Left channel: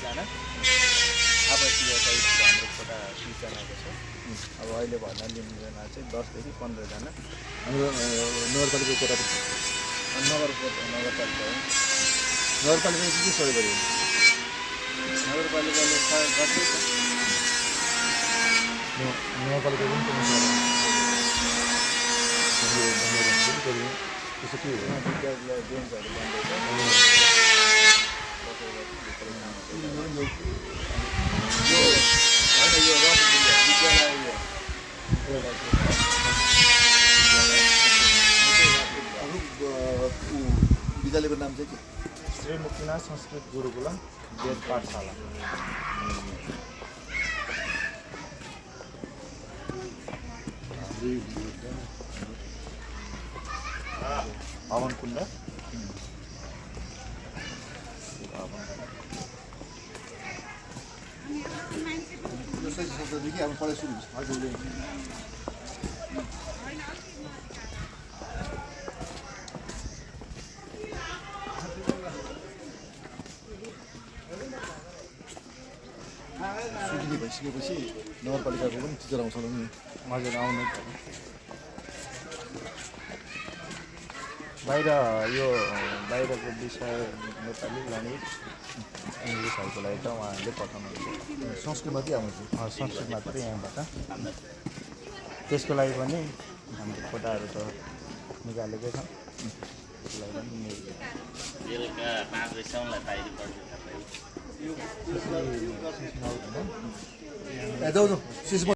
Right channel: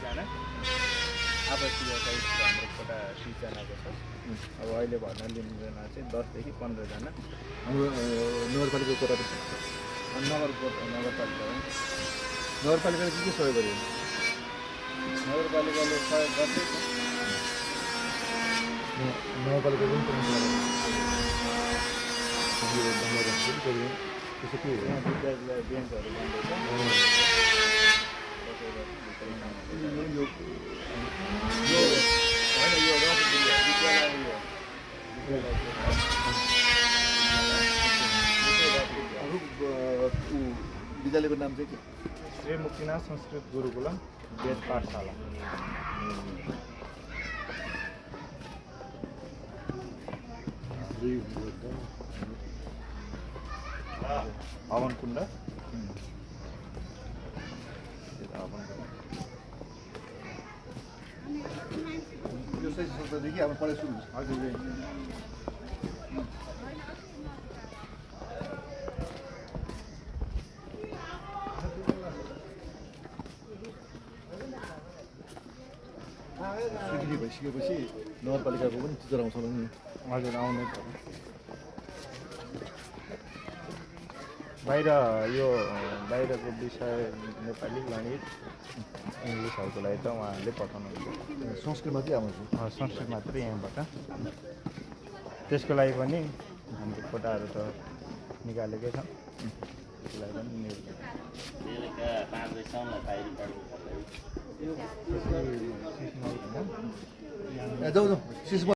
30जना आवासीय टाइप हाम्रो कोटा 30जनाको छ। अब अहिले भर्ना लिनेजना चाहिँ 10 देखि 15जना हाम्रो नगरपालिकाको कोटा नगरपालिका नगरपालिकाले के सहयोग गर्यो? नगरपालिकाले सहयोग गर्दैछ। नगरपालिका पनि त्यसो के हो? विद्यार्थीलाई बेन्चहरू बन्दैछ। यो होइन यो विद्यालयको नाम चाहिँ के? श्री मुक्तिनाथ संस्कृत गुरुकुलम वेद पाठशाला। हवन कुण्ड यो सही शब्ददेखि अब पढाइ सुरु हुन्छ। हजुर सुकिने भइसकेपछि नगरपालिकाको पनि टिचर आउँछ नि। हजुर आउनै पर्यो। बाहिर यो बाहिरको विषय नेपाली गणित इङ्ग्लिसहरूको लागि त उहाँहरूले पठाउनुहुन्छ। संस्कृतमा के आउँछ? संस्कृत मात्रै यहाँबाट। त्यसको लागि पनि हाम्रो कोटाहरू त निकालेकै छ। त्यसको लागि पनि जाऊ